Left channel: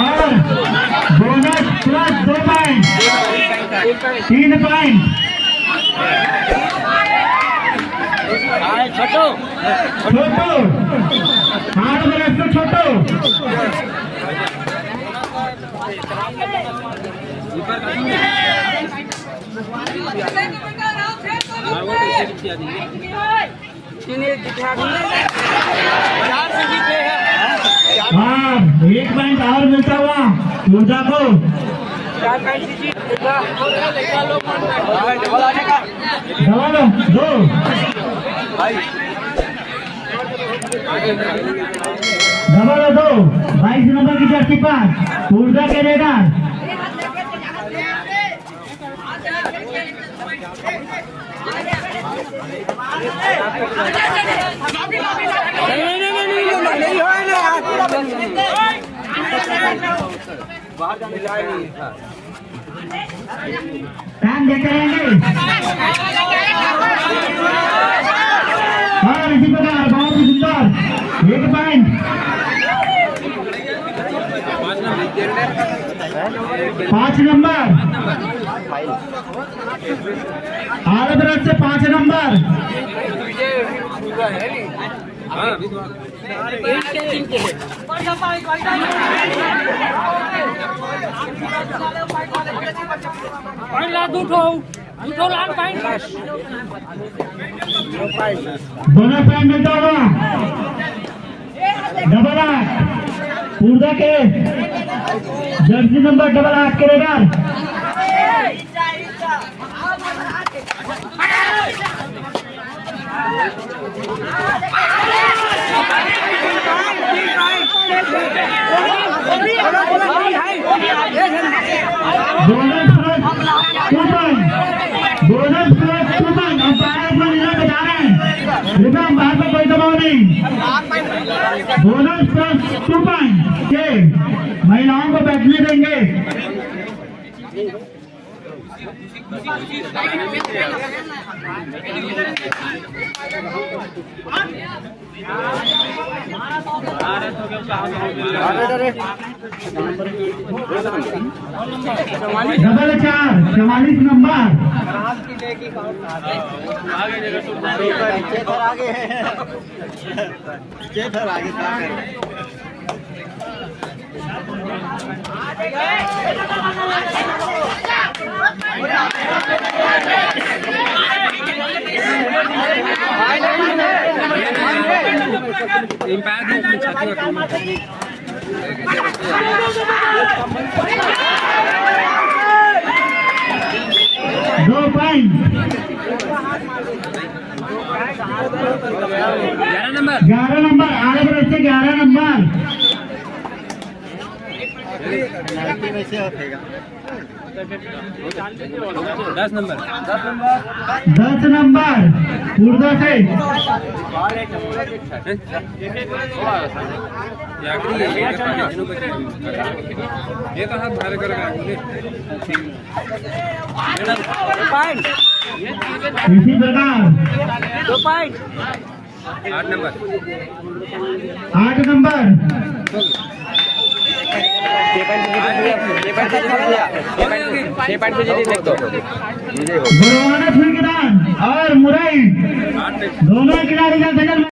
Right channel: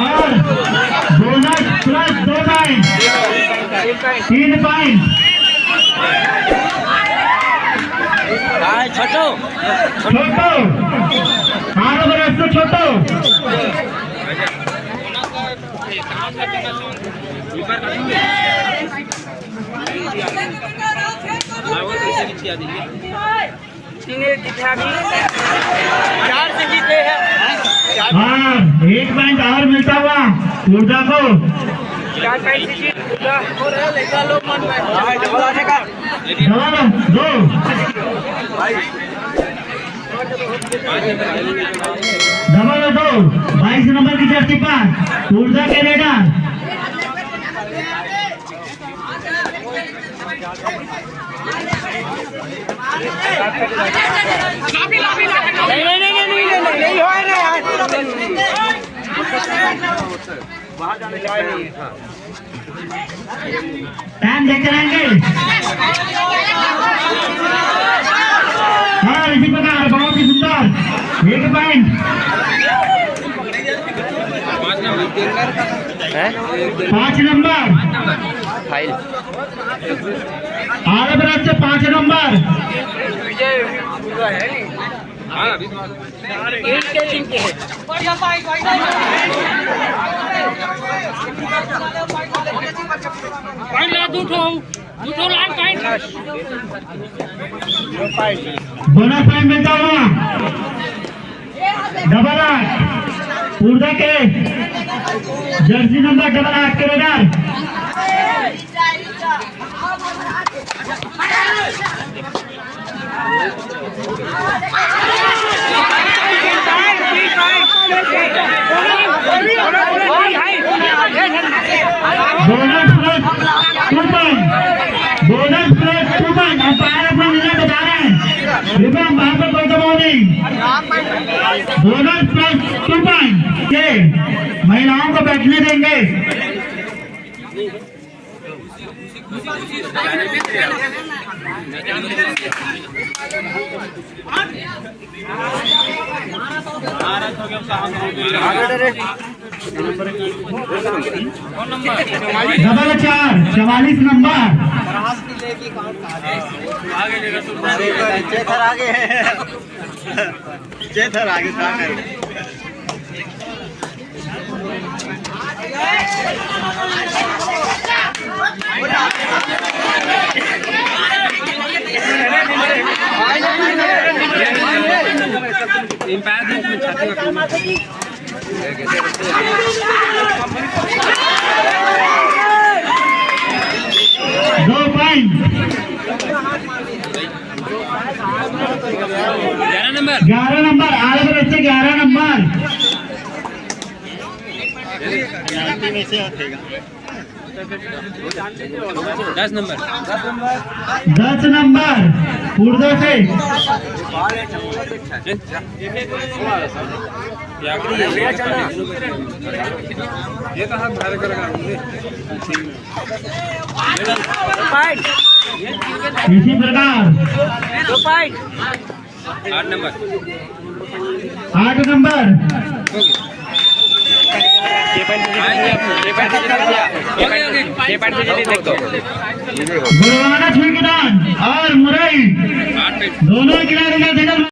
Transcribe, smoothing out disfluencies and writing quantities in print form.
और bonus plus 2 पॉइंट, 3 पॉइंट। छोटो छोटो 8 बरस से छोटो। हाँ, 1 पॉइंट और मिलता हुआ ऊर्जा को। दो डबल 2 22 नंबर की जर्सी पर ऊर्जा के रेडर। टाइम देते रहेंगे। हाँ, इसी प्रकार बहुत ही सुंदर 1 पॉइंट। 5 नंबर फाइल आगे तरफ से 5 नंबर। बोनस पॉइंट मिलता हुआ डबल 8 ऊर्जा के जर्सी नंबर डबल 8 के raider. Bonus plus 2 point, bonus plus 2 point. Umpire अपना निर्णय बता रहे हैं, कृपया अंपायर पर कोई दबाव नहीं। बोनस प्लस 2 पॉइंट के महिलाओं को बैठने देंगे। डबल 4 44 नंबर चेथर आगे दो पॉइंट। 11 नंबर आगे बढ़ से 11 नंबर 10 नंबर ऊर्जा से। इसी प्रकार 8 नंबर गुरुवाना छुई और मुरई दोनों किनारे का